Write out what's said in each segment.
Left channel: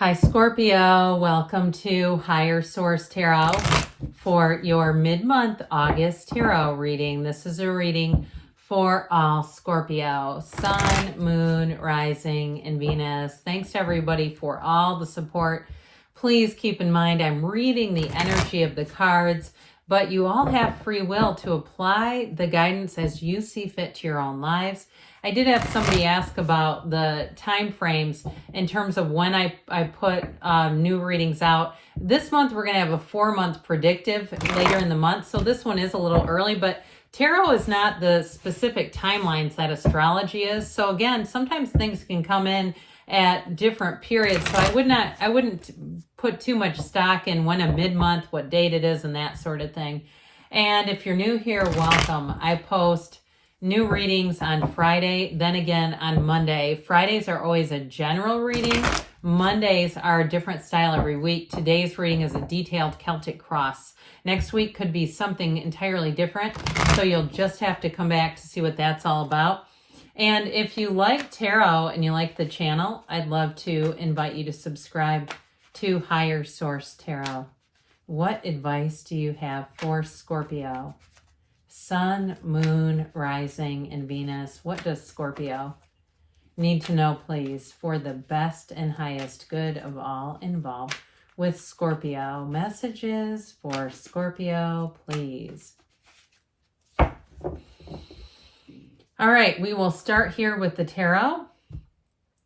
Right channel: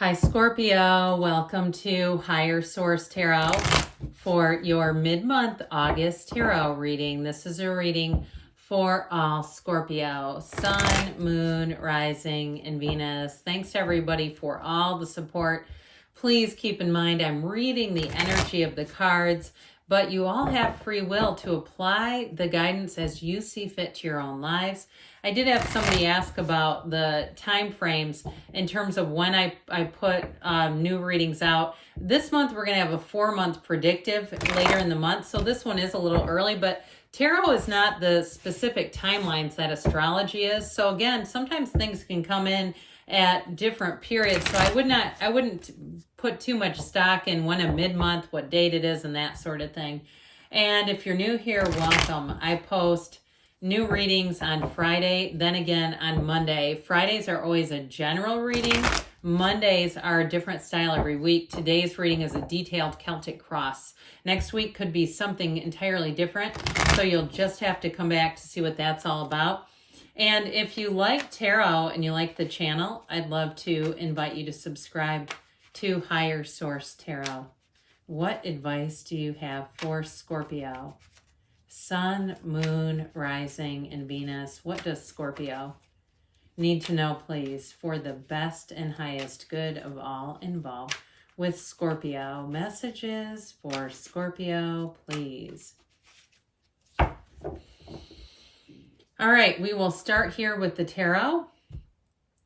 Hi, Scorpio. Welcome to Higher Source Tarot for your mid-month August tarot reading. This is a reading for all Scorpio, Sun, Moon, Rising, and Venus. Thanks to everybody for all the support. Please keep in mind I'm reading the energy of the cards, but you all have free will to apply the guidance as you see fit to your own lives. I did have somebody ask about the time frames in terms of when I put new readings out. This month we're going to have a 4-month predictive later in the month, so this one is a little early, but tarot is not the specific timelines that astrology is. So again, sometimes things can come in at different periods, so I wouldn't put too much stock in when a mid-month, what date it is, and that sort of thing. And if you're new here, welcome. I post new readings on Friday, then again on Monday. Fridays are always a general reading. Mondays are a different style every week. Today's reading is a detailed Celtic cross. Next week could be something entirely different, so you'll just have to come back to see what that's all about. And if you like tarot and you like the channel, I'd love to invite you to subscribe to Higher Source Tarot. What advice do you have for Scorpio? Sun, Moon, Rising, and Venus. What does Scorpio need to know, please, for the best and highest good of all involved with Scorpio? Messages for Scorpio, please. All right, we will start here with the tarot.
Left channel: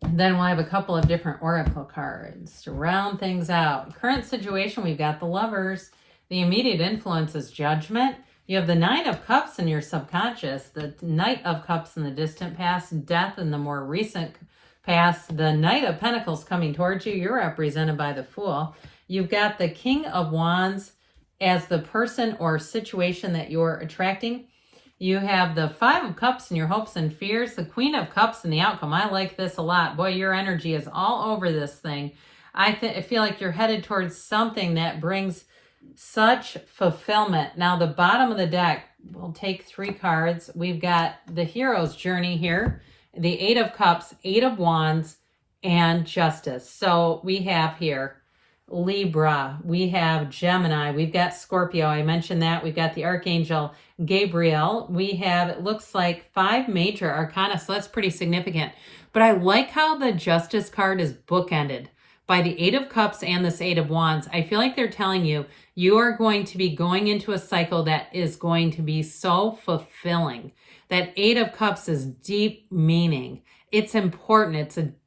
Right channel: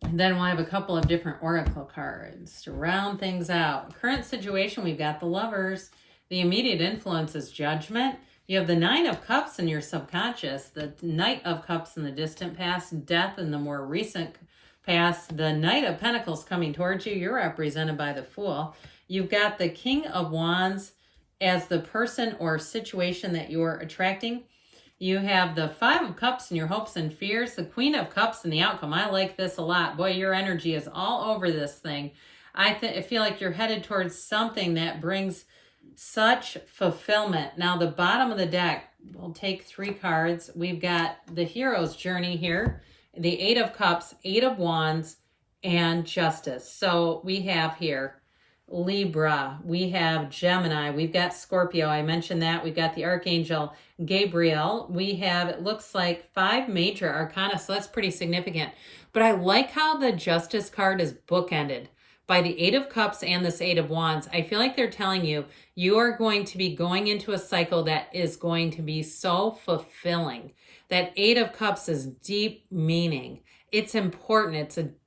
And then we'll have a couple of different oracle cards to round things out. Current situation, we've got the Lovers. The immediate influence is Judgment. You have the Nine of Cups in your subconscious, the Knight of Cups in the distant past, Death in the more recent past, the Knight of Pentacles coming towards you. You're represented by the Fool. You've got the King of Wands as the person or situation that you're attracting. You have the Five of Cups in your hopes and fears, the Queen of Cups in the outcome. I like this a lot. Boy, your energy is all over this thing. I feel like you're headed towards something that brings such fulfillment. Now, the bottom of the deck, we'll take 3 cards. We've got the hero's journey here, the Eight of Cups, Eight of Wands, and Justice. So we have here Libra, we have Gemini, we've got Scorpio, I mentioned that, we've got the Archangel Gabriel, we have, it looks like 5 major arcana, so that's pretty significant. But I like how the Justice card is bookended by the Eight of Cups and this Eight of Wands. I feel like they're telling you, you are going to be going into a cycle that is going to be so fulfilling. That Eight of Cups is deep meaning. It's important.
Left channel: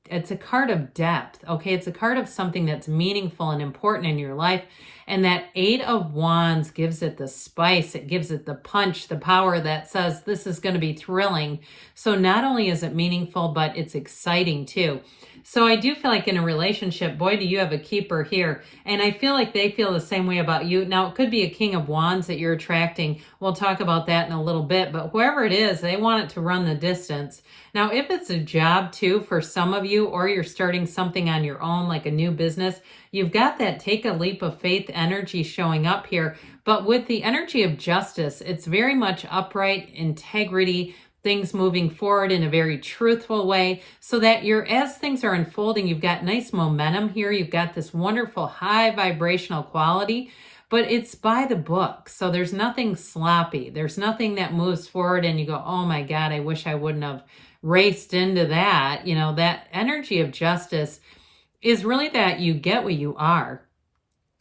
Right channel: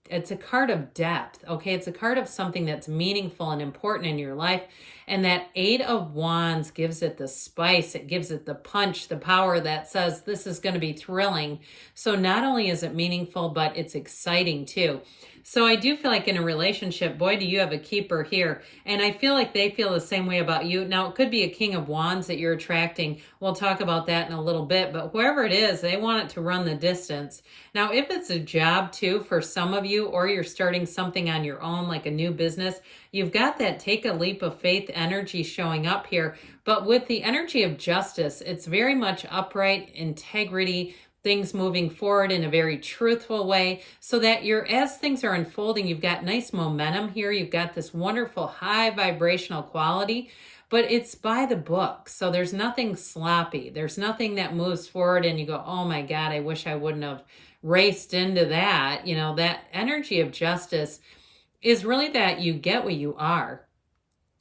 It's a card of depth, okay? It's a card of something that's meaningful and important in your life. And that Eight of Wands gives it the spice. It gives it the punch, the power that says this is going to be thrilling. So not only is it meaningful, but it's exciting too. So I do feel like in a relationship, boy, do you have a keeper here. And I feel like they feel the same way about you. Now, it could be a King of Wands that you're attracting. We'll talk about that in a little bit. But whoever it is, they want it to run the distance. Now, if it's a job too for some of you, or you're starting something on your own, like a new business, you've got that take a leap of faith energy showing up here. But with the energy of Justice, it's very much upright, integrity, things moving forward in a very truthful way, so that as things are unfolding, you've got nice momentum here. You've got this wonderful high vibrational quality, but it's by the book. So there's nothing sloppy. There's nothing that moves forward and you go, oh my God, I wish I wouldn't have raced into that. You know, that energy of Justice is really that you get what you are.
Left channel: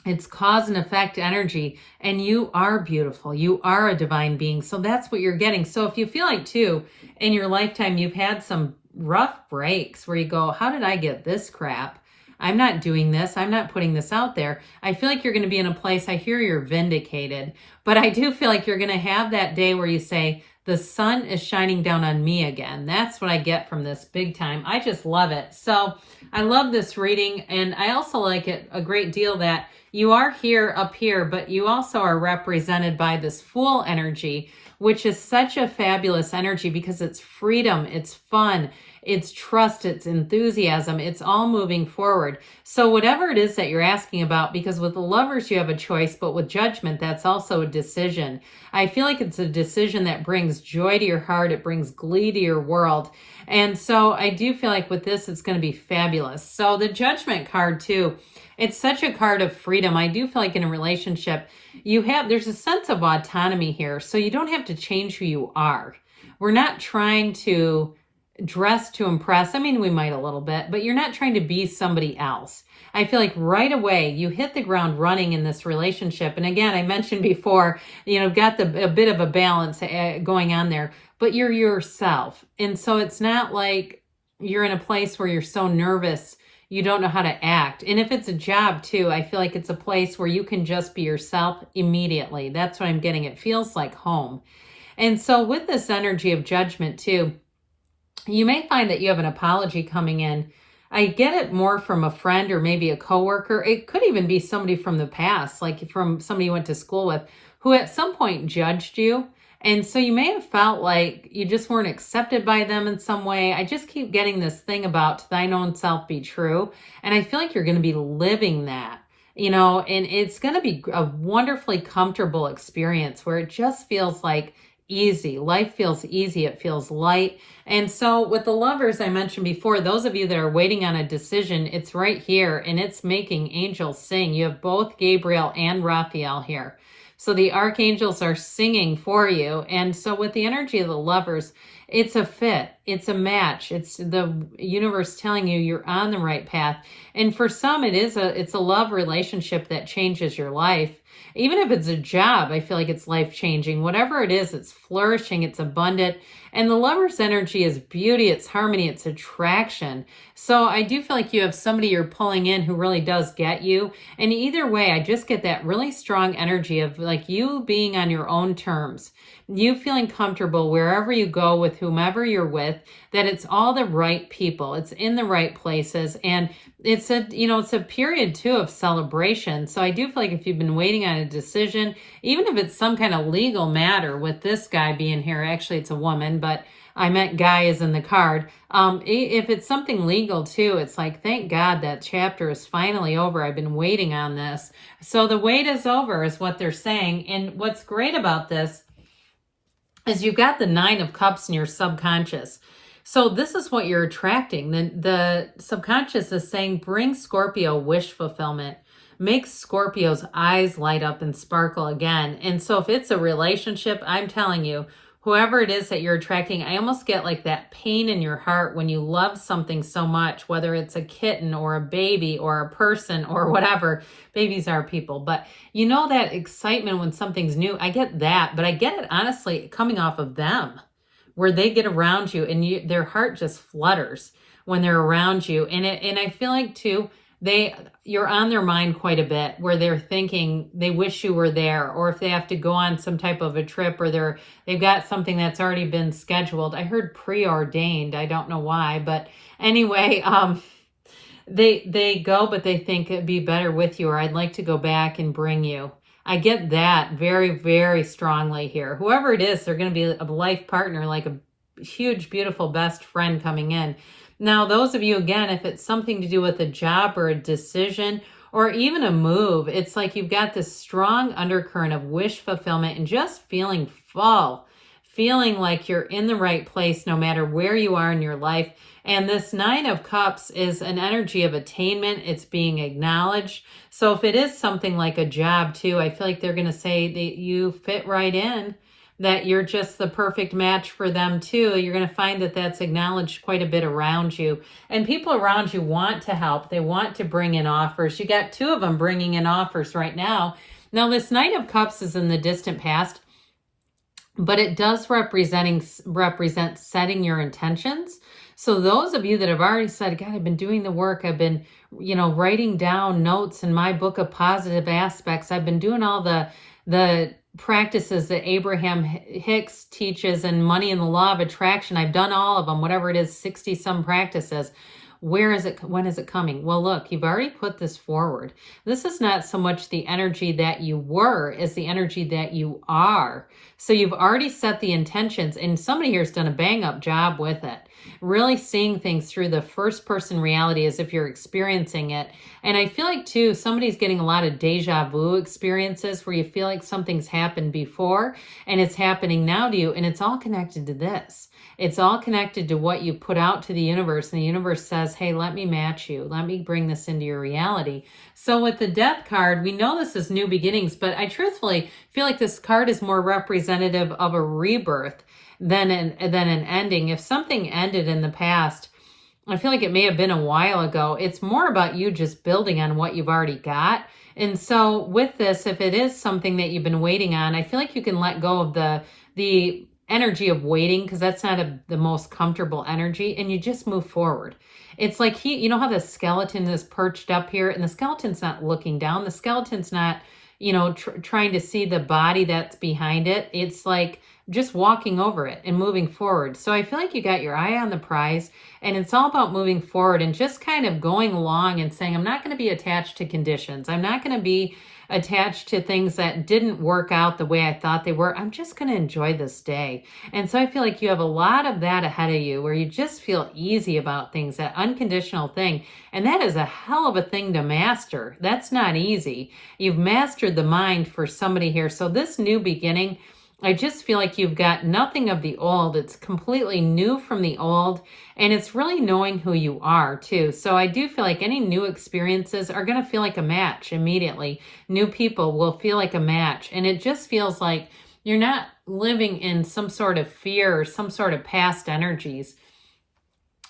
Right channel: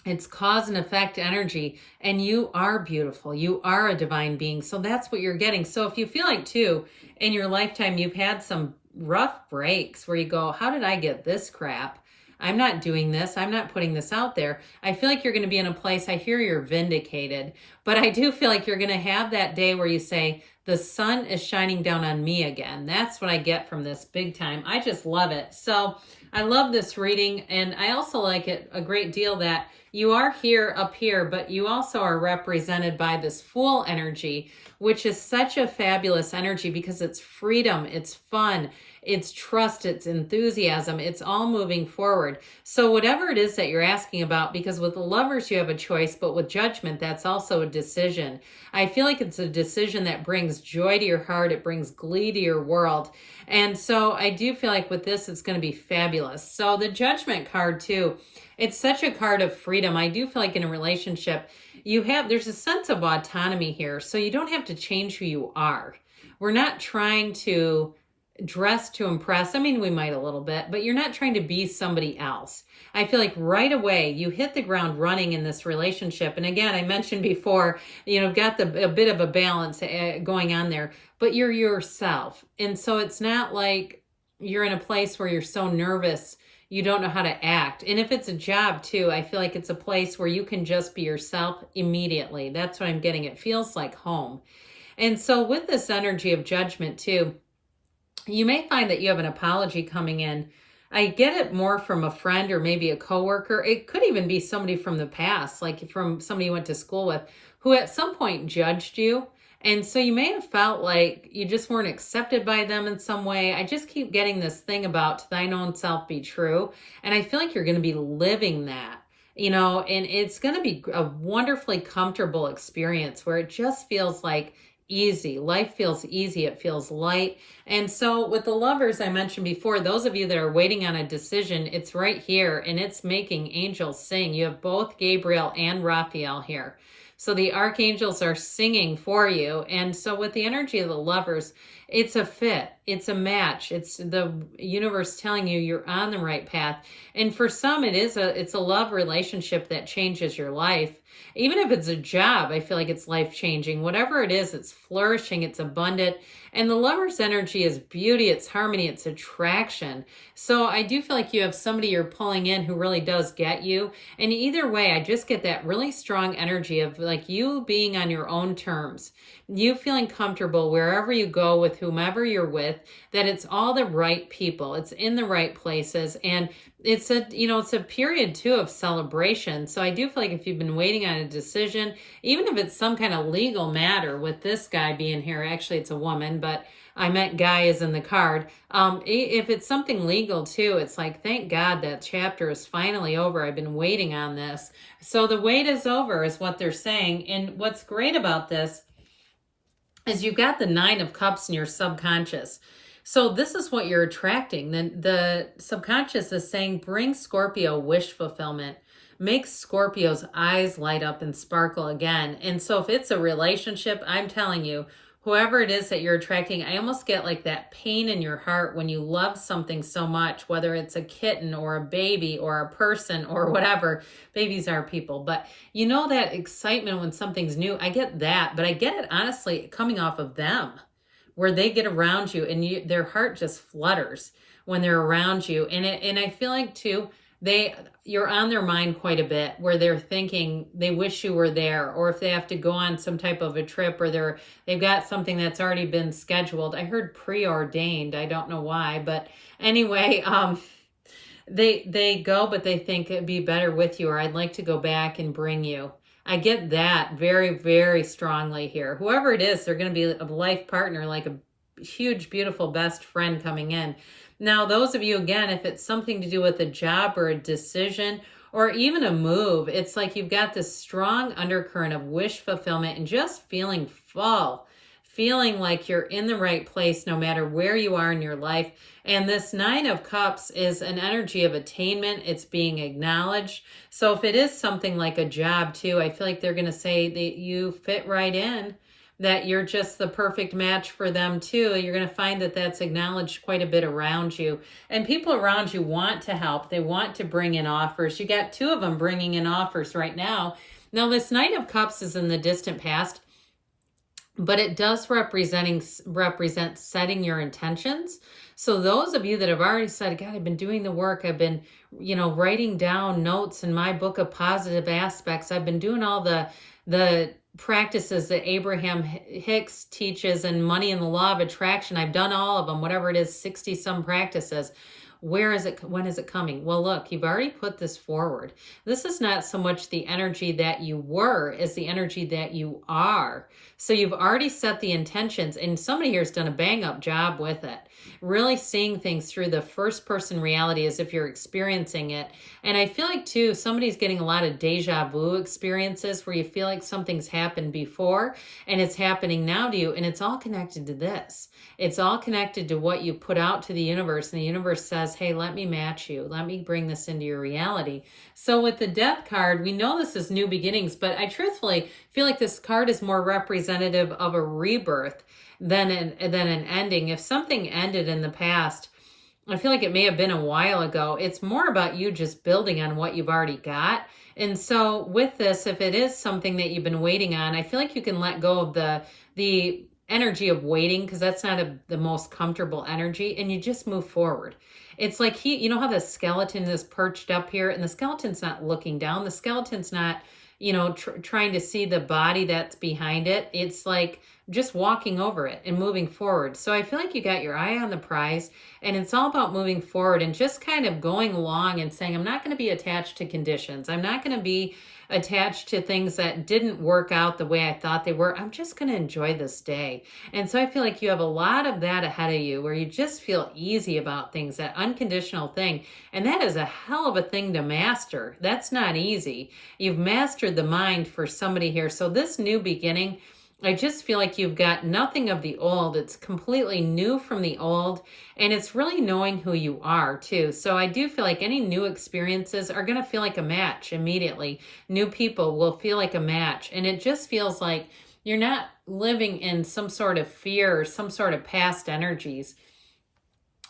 It's cause and effect energy, and you are beautiful. You are a divine being. So that's what you're getting. So if you feel like too, in your lifetime, you've had some rough breaks where you go, how did I get this crap? I'm not doing this. I'm not putting this out there. I feel like you're going to be in a place, I hear you're vindicated, but I do feel like you're going to have that day where you say, the sun is shining down on me again. That's what I get from this big time. I just love it. So I love this reading, and I also like it a great deal that you are here up here, but you also are represented by this Fool energy, which is such a fabulous energy because it's freedom, it's fun, it's trust, it's enthusiasm, it's all moving forward. So whatever it is that you're asking about, because with the Lovers, you have a choice, but with Judgment, that's also a decision. I feel like it's a decision that brings joy to your heart. It brings glee to your world. And so I do feel like with this, it's going to be fabulous. So the Judgment card too, it's such a card of freedom. I do feel like in a relationship, there's a sense of autonomy here. So you don't have to change who you are. We're not trying to dress to impress. I mean, we might a little bit, but you're not trying to be somebody else. I feel like right away you hit the ground running in this relationship. And again, I mentioned before, you've got a bit of a balance going on there, but you're yourself. And so it's not like you're in a place where you're so nervous you don't know how to act. And if it's a job too, I feel like it's a place where you can just be yourself immediately. That's what I'm getting. It feels like home. And so with this energy of Judgment too, you may find that you have an apology coming in. I get it more from a friend or maybe a coworker. It could even be somebody from the past, like from somebody you went to school with, who at some point judged you. And so you may have felt like you just weren't accepted by them in some way. I just keep getting this thing about to thine own self be true. And I feel like you're going to be living that, and it's going to be a wonderfully comfortable experience where it just feels like easy. Life feels easy. It feels light. And so with the Lovers, I mentioned before, those of you that are waiting on a decision, it's right here and it's making angels sing. You have both Gabriel and Raphael here. So the archangels are singing for you. And so with the energy of the Lovers, it's a fit, it's a match. It's the universe telling you you're on the right path. And for some, it's a love relationship that changes your life. Even if it's a job, I feel like it's life-changing. Whatever it is, it's flourishing, it's abundant. And the Lover's energy is beauty, it's harmony, it's attraction. So I do feel like you have somebody you're pulling in who really does get you. And either way, I just get that really strong energy of like you being on your own terms. You feeling comfortable wherever you go with whomever you're with, that it's all the right people. It's in the right places. And it's a period too of celebration. So I do feel like if you've been waiting on a decision, even if it's some kind of legal matter with this guy being here, actually it's a woman, but I meant guy is in the card. If it's something legal too, it's like, thank God that chapter is finally over. I've been waiting on this. So the wait is over is what they're saying. And what's great about this is you've got the 9 of Cups in your subconscious. So this is what you're attracting. The subconscious is saying, bring Scorpio wish fulfillment. Make Scorpio's eyes light up and sparkle again. And so if it's a relationship, I'm telling you, whoever it is that you're attracting, I almost get like that pain in your heart when you love something so much, whether it's a kitten or a baby or a person or whatever. Babies are people, but that excitement when something's new. I get that, but I get it honestly coming off of them, where they get around you and their heart just flutters when they're around you. And I feel like too, you're on their mind quite a bit, where they're thinking they wish you were there, or if they have to go on some type of a trip, or they've got something that's already been scheduled. I heard preordained. I don't know why, but anyway, they go, but they think it'd be better with you, or I'd like to go back and bring you. I get that very, very strongly here. Whoever it is, they're going to be a life partner, like a huge, beautiful best friend coming in. Now, those of you, again, if it's something to do with a job or a decision or even a move, it's like you've got this strong undercurrent of wish fulfillment and just feeling full, feeling like you're in the right place no matter where you are in your life. And this 9 of Cups is an energy of attainment. It's being acknowledged. So if it is something like a job too, I feel like they're going to say that you fit right in, that you're just the perfect match for them too. You're going to find that that's acknowledged quite a bit around you. And people around you want to help. They want to bring in offers. You got 2 of them bringing in offers right now. Now, this Knight of Cups is in the distant past, but it does represent setting your intentions. So those of you that have already said, God, I've been doing the work. I've been, writing down notes in my book of positive aspects. I've been doing all the practices that Abraham Hicks teaches in Money and the Law of Attraction. I've done all of them, whatever it is, 60 some practices. Where is it? When is it coming? Well, look, you've already put this forward. This is not so much the energy that you were as the energy that you are. So you've already set the intentions, and somebody here has done a bang up job with it. really seeing things through the first person reality as if you're experiencing it. And I feel like too, somebody's getting a lot of deja vu experiences where you feel like something's happened before and it's happening now to you, and it's all connected to this. It's all connected to what you put out to the universe, and the universe says, hey, let me match you. Let me bring this into your reality. So with the Death card, we know this is new beginnings, but I truthfully feel like this card is more representative of a rebirth than an ending. If something ended in the past, I feel like it may have been a while ago. It's more about you just building on what you've already got. And so with this, if it is something that you've been waiting on, I feel like you can let go of the energy of waiting, because that's not the most comfortable energy, and you just move forward. It's like you know how the skeleton is perched up here, and the skeleton's not looking down. The skeleton's not, trying to see the body that's behind it. It's like just walking over it and moving forward. So I feel like you got your eye on the prize, and it's all about moving forward and just kind of going along and saying, I'm not going to be attached to conditions. I'm not going to be attached to things that didn't work out the way I thought they were. I'm just going to enjoy this day. And so I feel like you have a lot of that ahead of you, where you just feel easy about things, that unconditional thing. And that is a hell of a thing to master. That's not easy. You've mastered the mind for somebody here. So this new beginning, I just feel like you've got nothing of the old. It's completely new from the old, and it's really knowing who you are too. So I do feel like any new experiences are going to feel like a match immediately. New people will feel like a match, and it just feels like you're not living in some sort of fear or some sort of past energies.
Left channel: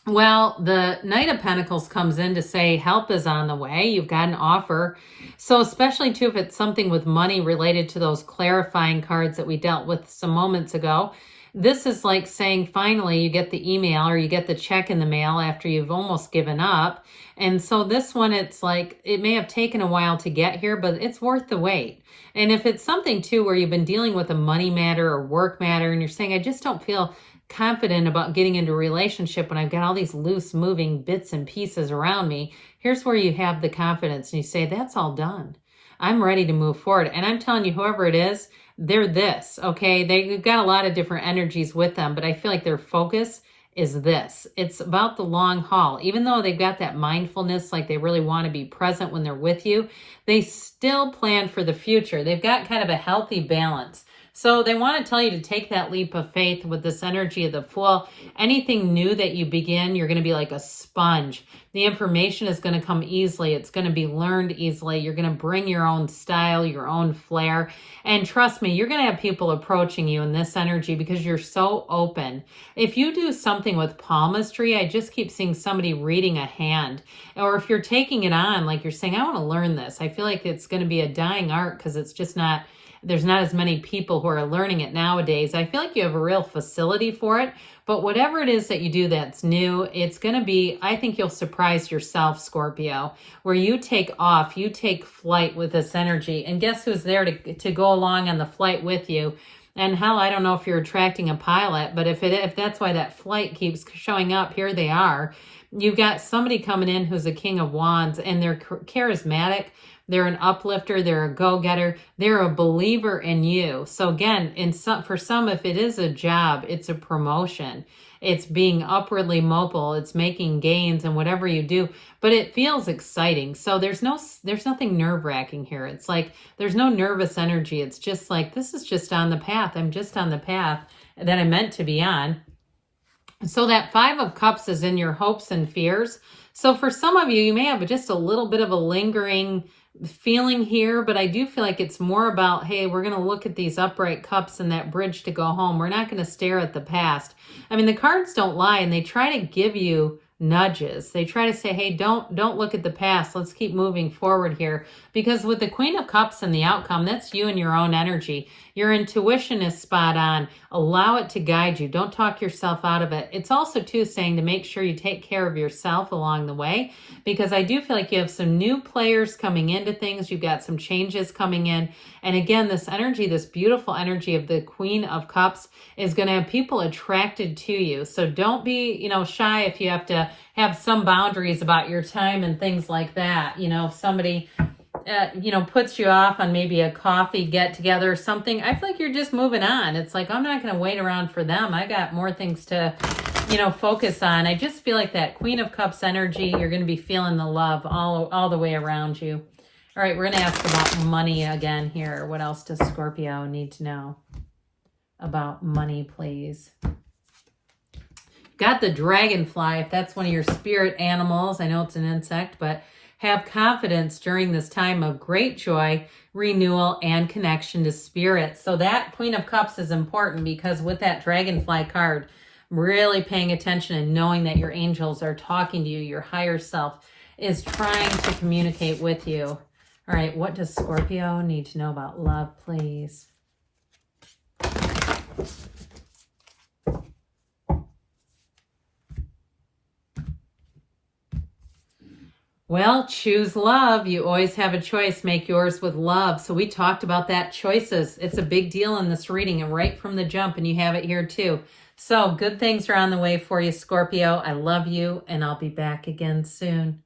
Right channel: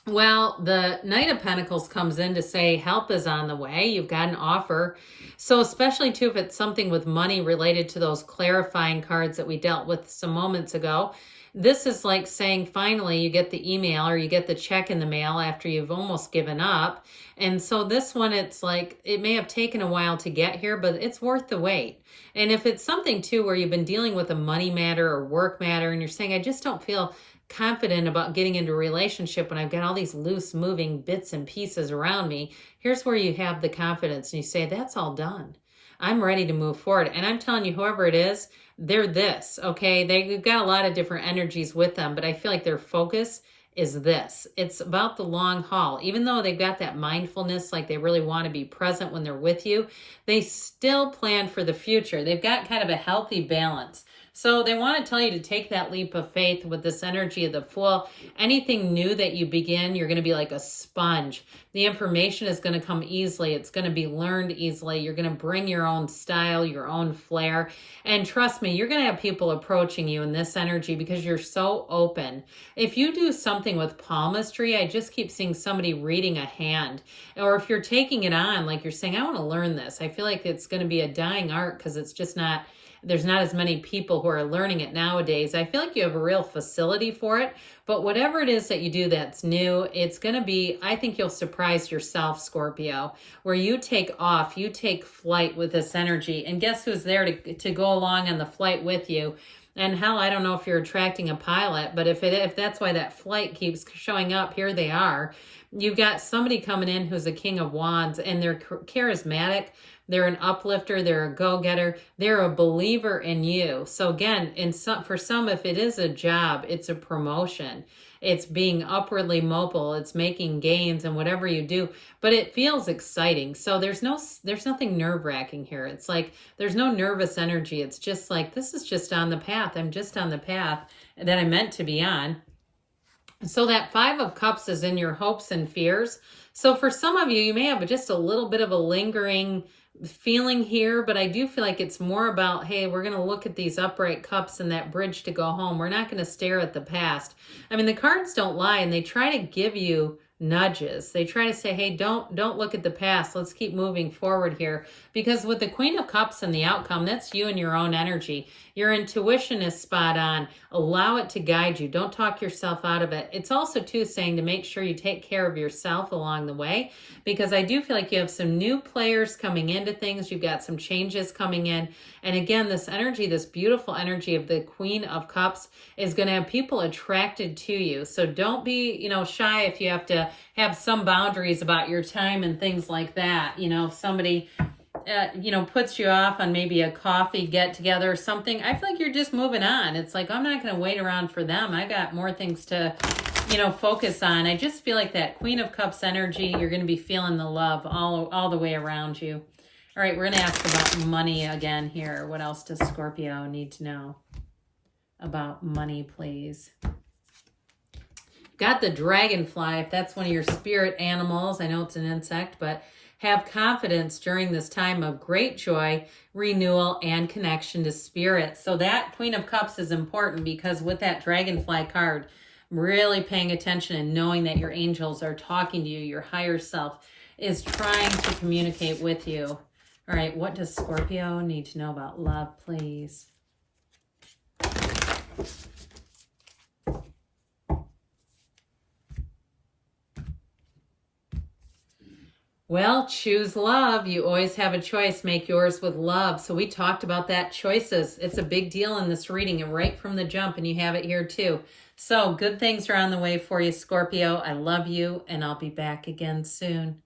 Well, the Knight of Pentacles comes in to say help is on the way. You've got an offer. So especially too, if it's something with money related to those clarifying cards that we dealt with some moments ago, this is like saying finally you get the email or you get the check in the mail after you've almost given up. And so this one, it's like it may have taken a while to get here, but it's worth the wait. And if it's something too where you've been dealing with a money matter or work matter, and you're saying, I just don't feel confident about getting into a relationship when I've got all these loose moving bits and pieces around me, here's where you have the confidence and you say, that's all done. I'm ready to move forward. And I'm telling you, whoever it is, they're this, okay? They've got a lot of different energies with them, but I feel like their focus is this. It's about the long haul. Even though they've got that mindfulness, like they really want to be present when they're with you, they still plan for the future. They've got kind of a healthy balance. So they want to tell you to take that leap of faith with this energy of the Fool. Anything new that you begin, you're going to be like a sponge. The information is going to come easily. It's going to be learned easily. You're going to bring your own style, your own flair. And trust me, you're going to have people approaching you in this energy because you're so open. If you do something with palmistry, I just keep seeing somebody reading a hand. Or if you're taking it on, like you're saying, I want to learn this. I feel like it's going to be a dying art because it's just not... There's not as many people who are learning it nowadays. I feel like you have a real facility for it, but whatever it is that you do that's new, it's going to be, I think you'll surprise yourself, Scorpio, where you take off, you take flight with this energy, and guess who's there to go along on the flight with you? And hell, I don't know if you're attracting a pilot, but if that's why that flight keeps showing up, here they are. You've got somebody coming in who's a King of Wands, and they're charismatic. They're an uplifter. They're a go-getter. They're a believer in you. So again, for some, if it is a job, it's a promotion. It's being upwardly mobile. It's making gains in whatever you do, but it feels exciting. So there's nothing nerve-wracking here. It's like there's no nervous energy. It's just like, this is just on the path. I'm just on the path that I'm meant to be on. So that Five of Cups is in your hopes and fears. So for some of you, you may have just a little bit of a lingering feeling here, but I do feel like it's more about, hey, we're going to look at these upright cups and that bridge to go home. We're not going to stare at the past. I mean, the cards don't lie, and they try to give you nudges. They try to say, hey, don't look at the past. Let's keep moving forward here. Because with the Queen of Cups and the outcome, that's you and your own energy. Your intuition is spot on. Allow it to guide you. Don't talk yourself out of it. It's also too saying to make sure you take care of yourself along the way, because I do feel like you have some new players coming into things. You've got some changes coming in. And again, this energy, this beautiful energy of the Queen of Cups is going to have people attracted to you. So don't be, shy if you have to have some boundaries about your time and things like that. If somebody you know, puts you off on maybe a coffee get together or something, I feel like you're just moving on. It's like, I'm not going to wait around for them. I got more things to, you know, focus on. I just feel like that Queen of Cups energy, you're going to be feeling the love all the way around you. All right, we're going to ask about money again here. What else does Scorpio need to know about money, please? Got the dragonfly, if that's one of your spirit animals. I know it's an insect, but have confidence during this time of great joy, renewal, and connection to spirit. So that Queen of Cups is important because with that dragonfly card, really paying attention and knowing that your angels are talking to you, your higher self is trying to communicate with you. All right, what does Scorpio need to know about love, please? Well, choose love. You always have a choice. Make yours with love. So we talked about that, choices. It's a big deal in this reading and right from the jump, and you have it here too. So good things are on the way for you, Scorpio. I love you, and I'll be back again soon.